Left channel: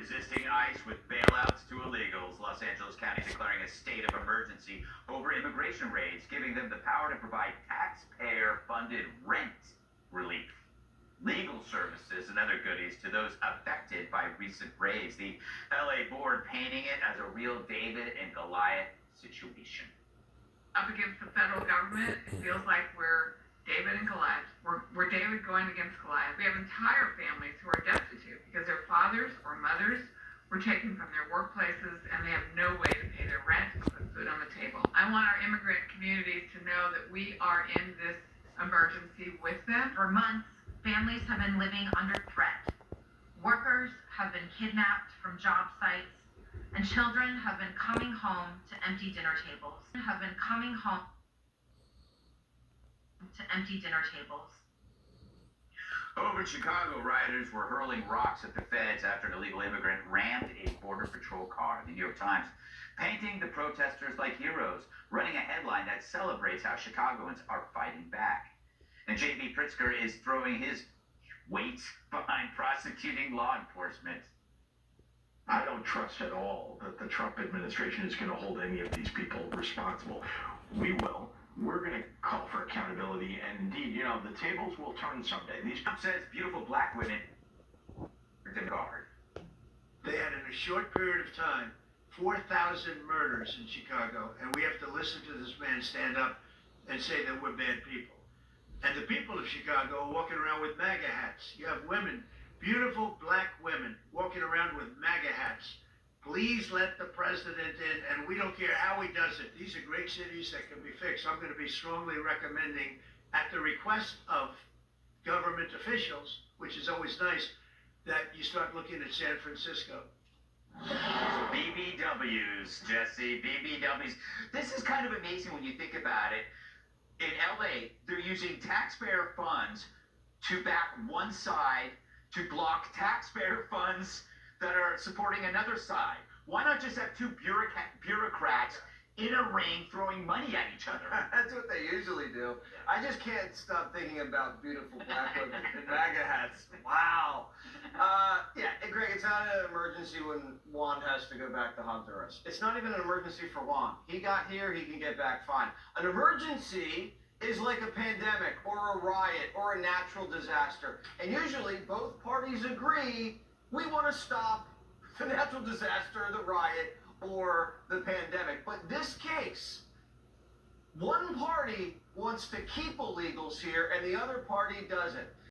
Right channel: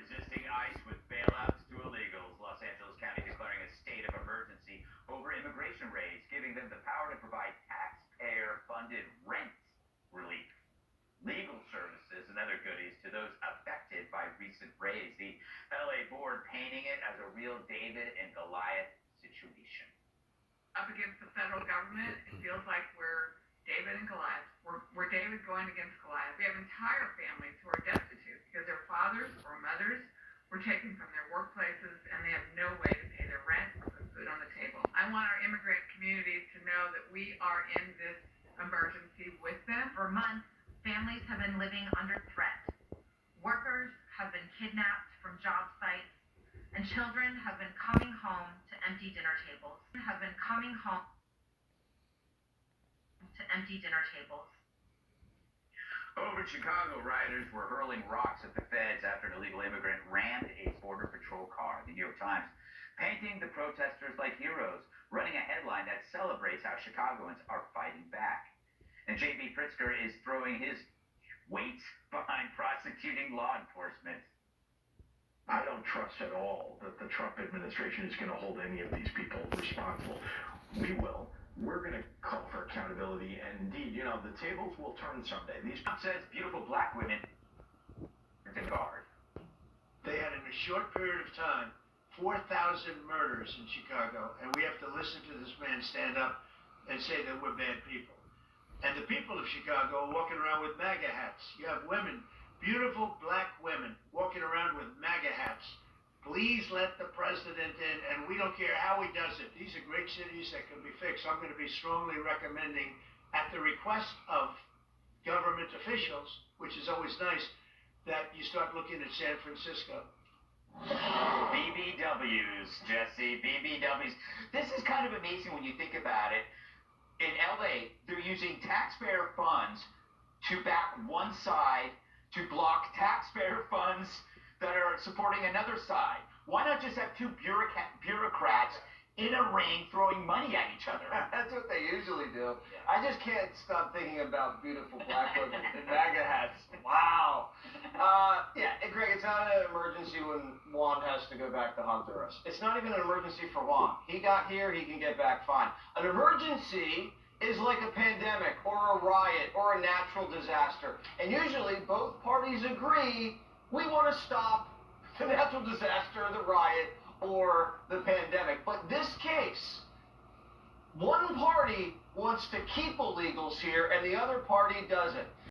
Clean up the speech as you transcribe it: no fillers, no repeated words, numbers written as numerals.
resisting ICE with bailouts to illegals. Los Angeles County declaring a state of emergency over immigration raids, giving them the power to provide taxpayer-funded rent relief, legal services, and other goodies to those affected by recent raids. The LA board painting it as a real David and Goliath situation. Up against the federal government, it feels like we're David and Goliath. We're David going against Goliath. We have entire families who are destitute because their fathers or mothers were taken from their workplaces and they have no way to pay their rent and put food on the table. I want our immigrant communities to know that we are in this emergency with them. For months, families have been living under threat. Workers have been kidnapped from job sites, and children have been coming home to empty dinner tables. Over in Chicago, rioters were hurling rocks at the feds after an illegal immigrant rammed a Border Patrol car. The New York Times painting the protesters like heroes, running a headline that celebrates how Chicagoans are fighting back. And J.B. Pritzker is throwing his weight behind prosecuting law enforcement. I don't trust at all that the Trump administration is going to hold any of these people responsible. We will. We're going to call for accountability, and indeed, the tables will turn someday. Trump says beautiful black women are in guard. They had, in a short period of time, 4,000 murders in Chicago, and we have to listen to this man stand up and say that we're bad people. And the people of Chicago are walking around with MAGA hats. You have women, beautiful black women, walking around with MAGA hats. Please let the president in, and we don't care how he does it. These are great cities that can be fixed. I'm going to be strongly recommending, at the request of government officials, which is always nice, that you start looking at San Francisco. BBWs, Jesse, BBWs. This is kind of amazing when you think about it. In LA, they're using taxpayer funds to back one side to block taxpayer funds that are supporting another side. Why not just have two bureaucrats in a ring throwing money at each other? That's what they usually do. I just can't stop thinking about beautiful black women in MAGA hats. Wow. Yeah, Greg, it's not an emergency when Juan has to go back to Honduras. It's not even an emergency for Juan. He got here, he can get back fine. An emergency is like a pandemic or a riot or a natural disaster. And usually both parties agree we want to stop the natural disaster, the riot, or the pandemic. But this case, one party wants to keep illegals here and the other party doesn't.